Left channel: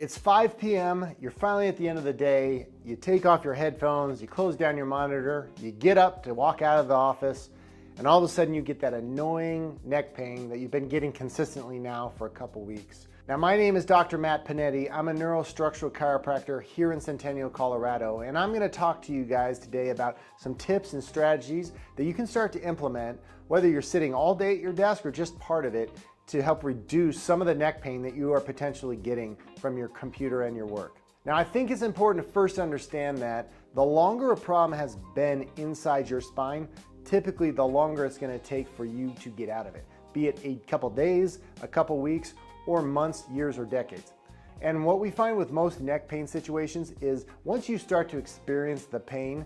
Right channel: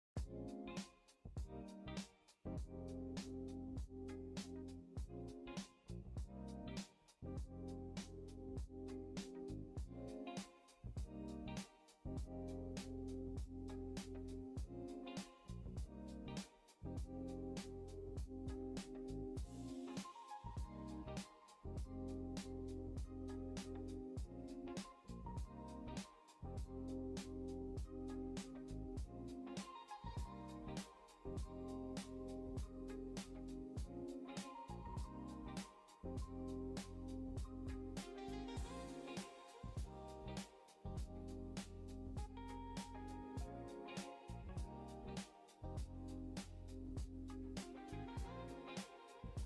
It's 5 p.m., you're finally at the end of the day, you take off your headphones, you close down your monitor, you get up to walk out of the office, and all of a sudden you get that annoying neck pain that you've been getting consistently now for a couple weeks. Now, my name is Dr. Matt Pennetti. I'm a Neuro-Structural Chiropractor here in Centennial, Colorado, and I'm going to talk to you guys today about some tips and strategies that you can start to implement, whether you're sitting all day at your desk or just part of it, to help reduce some of the neck pain that you are potentially getting from your computer and your work. Now, I think it's important to first understand that the longer a problem has been inside your spine, typically the longer it's going to take for you to get out of it, be it a couple days, a couple weeks, or months, years, or decades. And what we find with most neck pain situations is once you start to experience the pain,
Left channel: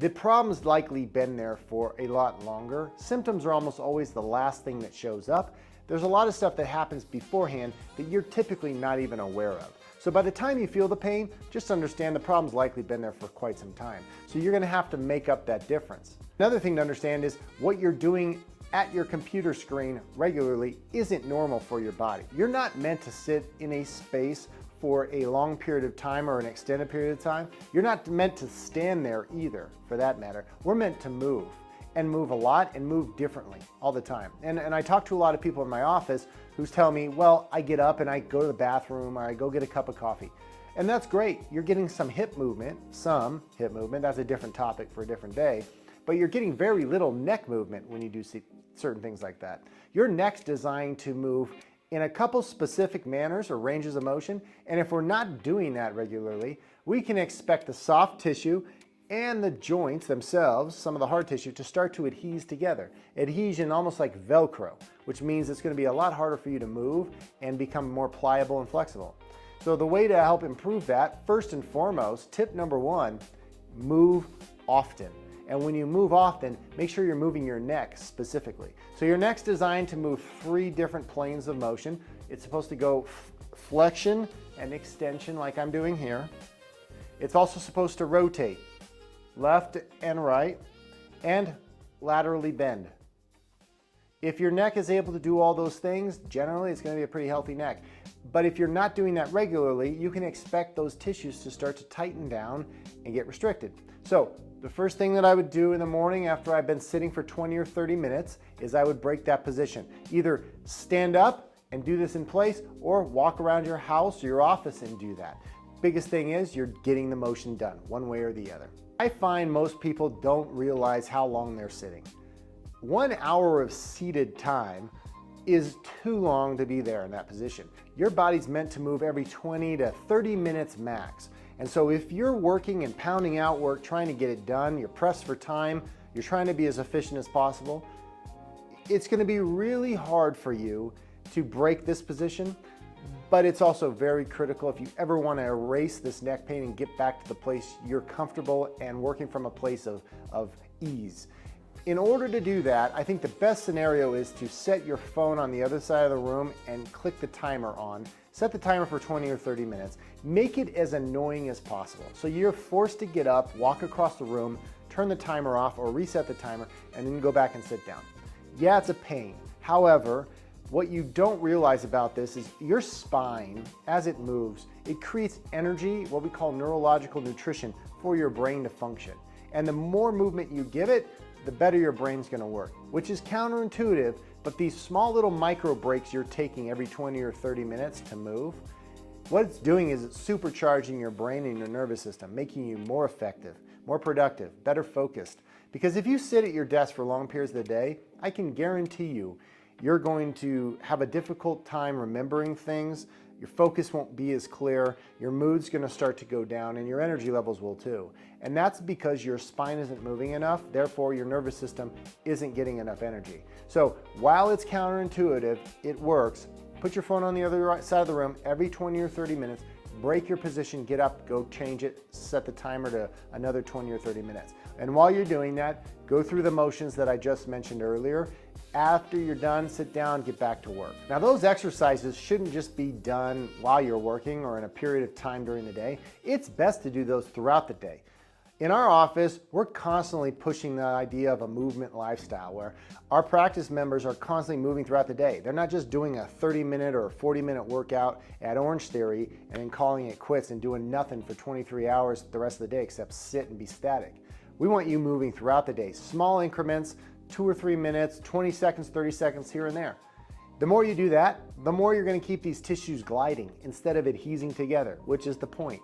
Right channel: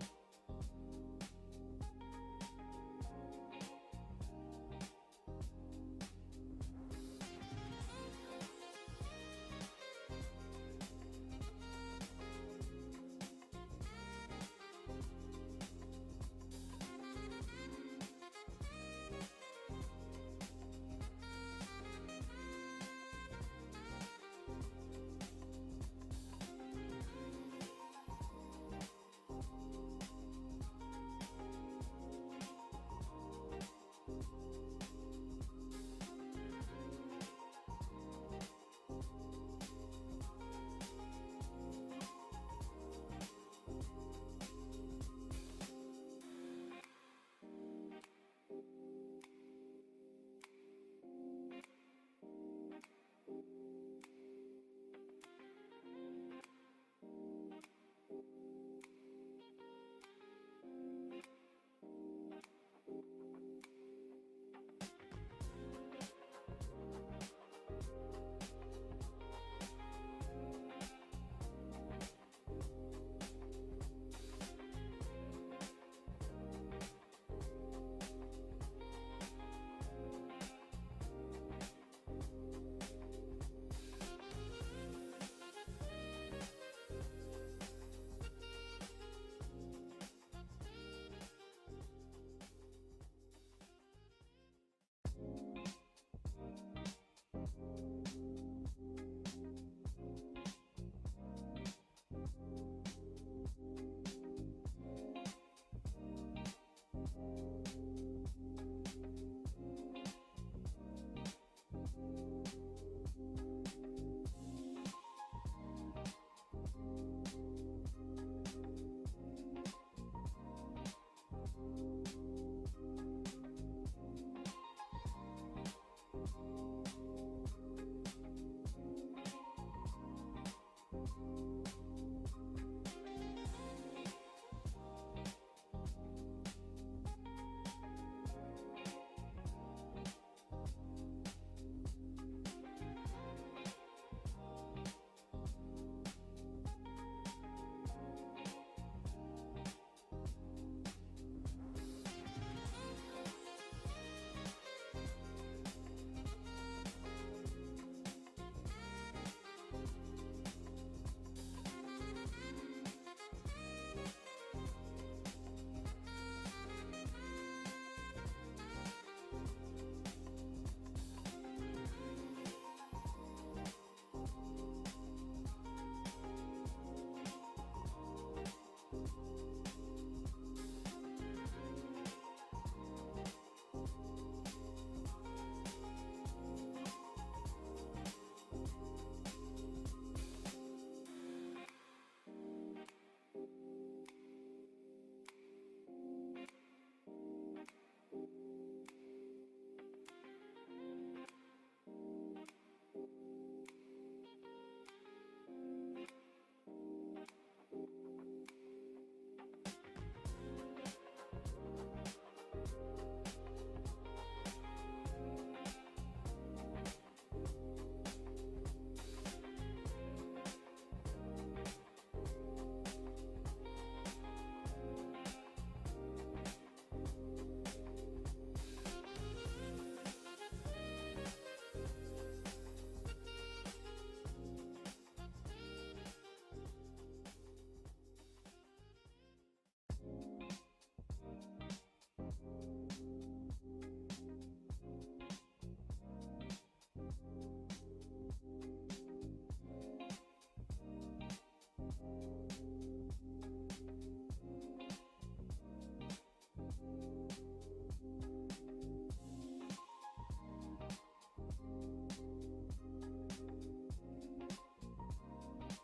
the problem's likely been there for a lot longer. Symptoms are almost always the last thing that shows up. There's a lot of stuff that happens beforehand that you're typically not even aware of. So by the time you feel the pain, just understand the problem's likely been there for quite some time. So you're gonna have to make up that difference. Another thing to understand is what you're doing at your computer screen regularly isn't normal for your body. You're not meant to sit in a space for a long period of time or an extended period of time. You're not meant to stand there either, for that matter. We're meant to move, and move a lot and move differently all the time. And I talk to a lot of people in my office who's telling me, well, I get up and I go to the bathroom or I go get a cup of coffee. And that's great. You're getting some hip movement. That's a different topic for a different day. But you're getting very little neck movement when you do see certain things like that. Your neck's designed to move in a couple specific manners or ranges of motion. And if we're not doing that regularly, we can expect the soft tissue and the joints themselves, some of the hard tissue, to start to adhere together. Adhesion almost like Velcro, which means it's going to be a lot harder for you to move and become more pliable and flexible. So the way to help improve that, first and foremost, tip number one, move often. And when you move often, make sure you're moving your neck specifically. So your neck's designed to move 3 different planes of motion. It's supposed to go flexion and extension like I'm doing here. It's also supposed to rotate left and right, and laterally bend. If your neck is able to do all those things, generally it's going to be a pretty healthy neck. But if you're not doing that regularly, you can expect those tissues to start to tighten down and get restricted. So the first thing that I would do in the morning after I've been sitting for 20 or 30 minutes is I would break that position. Either stand up and do this in place or walk around your house or your office and do that. Biggest thing is you're getting the motion done one way or the other. I find most people don't realize how long they're sitting. 1 hour of seated time is too long to be there in that position. Your body's meant to move every 20 to 30 minutes max. And so if you're working and pounding out work, trying to get it done, you're pressed for time, you're trying to be as efficient as possible, it's gonna be really hard for you to break this position. But it's also very critical if you ever want to erase this neck pain and get back to the place you're comfortable and working from a place of ease. In order to do that, I think the best scenario is to set your phone on the other side of the room and click the timer on. Set the timer for 20 or 30 minutes. Make it as annoying as possible. So you're forced to get up, walk across the room, turn the timer off or reset the timer, and then go back and sit down. Yeah, it's a pain. However, what you don't realize about this is your spine, as it moves, it creates energy, what we call neurological nutrition, for your brain to function. And the more movement you give it, the better your brain's gonna work, which is counterintuitive, but these small little micro breaks you're taking every 20 or 30 minutes to move, what it's doing is it's supercharging your brain and your nervous system, making you more effective, more productive, better focused. Because if you sit at your desk for long periods of the day, I can guarantee you're going to have a difficult time remembering things, your focus won't be as clear, your mood's gonna start to go down, and your energy levels will too. And that's because your spine isn't moving enough, therefore your nervous system isn't getting enough energy. So while it's counterintuitive, it works. Put your phone on the other side of the room every 20 or 30 minutes, break your position, get up, go change it, set the timer to another 20 or 30 minutes. And while you're doing that, go through the motions that I just mentioned earlier. After you're done, sit down, get back to work. Now those exercises shouldn't just be done while you're working or in a period of time during the day. It's best to do those throughout the day. In our office, we're constantly pushing the idea of a movement lifestyle where our practice members are constantly moving throughout the day. They're not just doing a 30-minute or a 40-minute workout at Orange Theory and then calling it quits and doing nothing for 23 hours the rest of the day except sit and be static. We want you moving throughout the day, small increments, 2 or 3 minutes, 20 seconds, 30 seconds here and there. The more you do that, the more you're going to keep these tissues gliding instead of adhesing together, which is the point.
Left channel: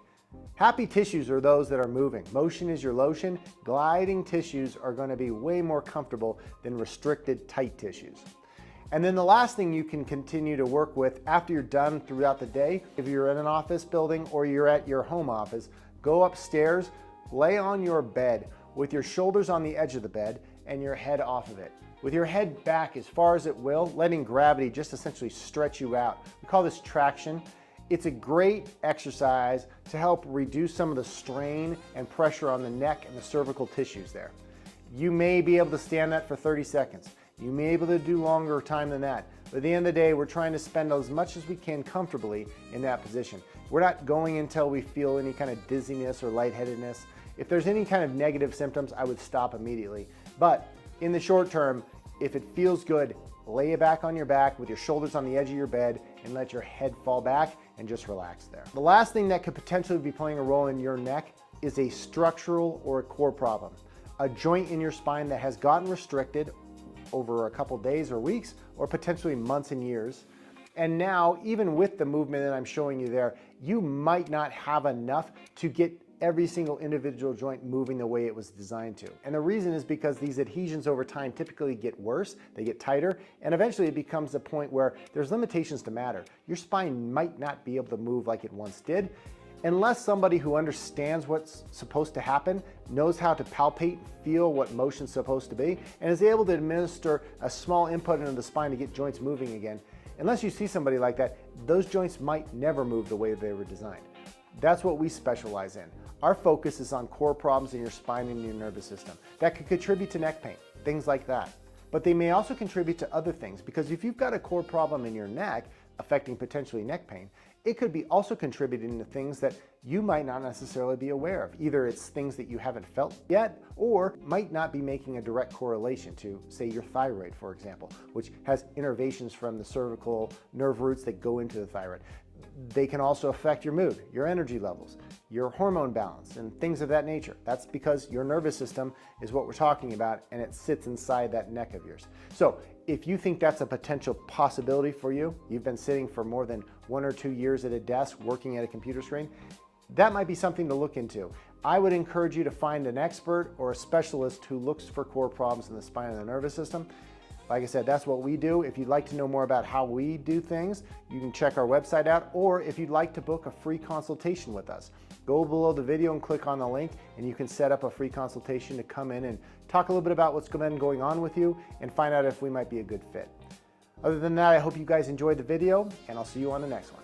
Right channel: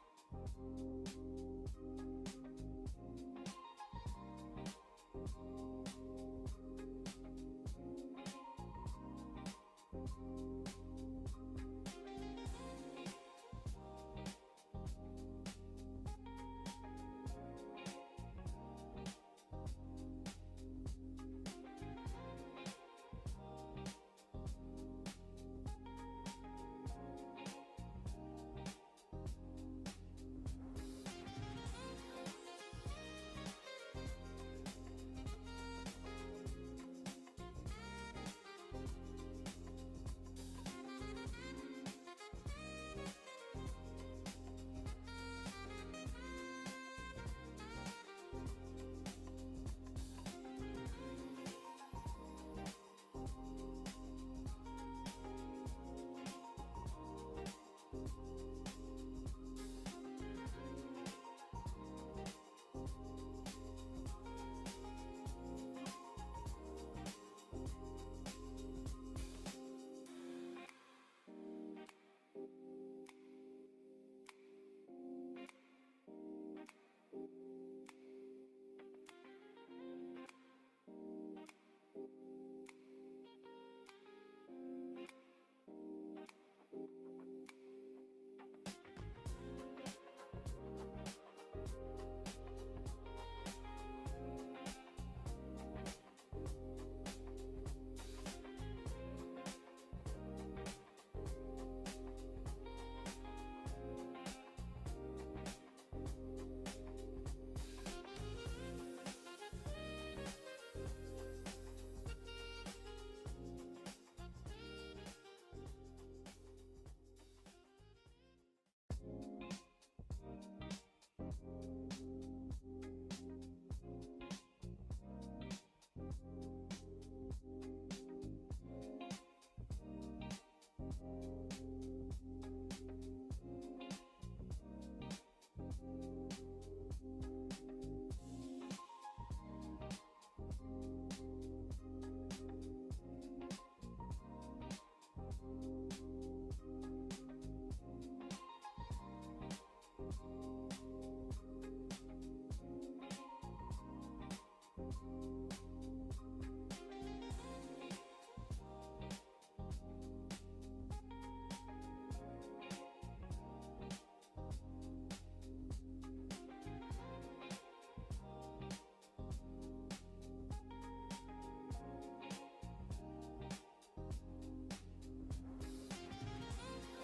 Happy tissues are those that are moving. Motion is your lotion. Gliding tissues are going to be way more comfortable than restricted, tight tissues. And then the last thing you can continue to work with after you're done throughout the day, if you're in an office building or you're at your home office, go upstairs, lay on your bed with your shoulders on the edge of the bed and your head off of it. With your head back as far as it will, letting gravity just essentially stretch you out. We call this traction. It's a great exercise to help reduce some of the strain and pressure on the neck and the cervical tissues there. You may be able to stand that for 30 seconds. You may be able to do longer time than that. But at the end of the day, we're trying to spend as much as we can comfortably in that position. We're not going until we feel any kind of dizziness or lightheadedness. If there's any kind of negative symptoms, I would stop immediately. But in the short term, if it feels good, lay it back on your back with your shoulders on the edge of your bed and let your head fall back and just relax there. The last thing that could potentially be playing a role in your neck is a structural or a core problem. A joint in your spine that has gotten restricted over a couple days or weeks or potentially months and years. And now, even with the movement that I'm showing you there, you might not have enough to get every single individual joint moving the way it was designed to. And the reason is because these adhesions over time typically get worse, they get tighter, and eventually it becomes a point where there's limitations to matter. Your spine might not be able to move like it once did, unless somebody who understands what's supposed to happen, knows how to palpate, feel what motion's supposed to be, and is able to administer a small input into the spine to get joints moving again. Unless you see somebody like that, those joints might never move the way they were designed. That's what we specialize in. Our focus is on core problems in your spine and your nervous system that could contribute to neck pain, things like that. But they may also contribute to other things, because if you've got a core problem in your neck affecting potentially neck pain, it could be also contributing to things that you might not necessarily be aware of. Either it's things that you haven't felt yet, or might not be making a direct correlation to, say, your thyroid, for example, which has innervations from the cervical nerve roots that go into the thyroid. They can also affect your mood, your energy levels, your hormone balance, and things of that nature. That's because your nervous system is what we're talking about, and it sits inside that neck of yours. So if you think that's a potential possibility for you, you've been sitting for more than 1 or 2 years at a desk working at a computer screen, that might be something to look into. I would encourage you to find an expert or a specialist who looks for core problems in the spine and the nervous system. Like I said, that's what we do. If you'd like to know more about how we do things, you can check our website out, or if you'd like to book a free consultation with us, go below the video and click on the link, and you can set up a free consultation to come in and talk a little bit about what's been going on with you and find out if we might be a good fit. Other than that, I hope you guys enjoyed the video, and I'll see you on the next one.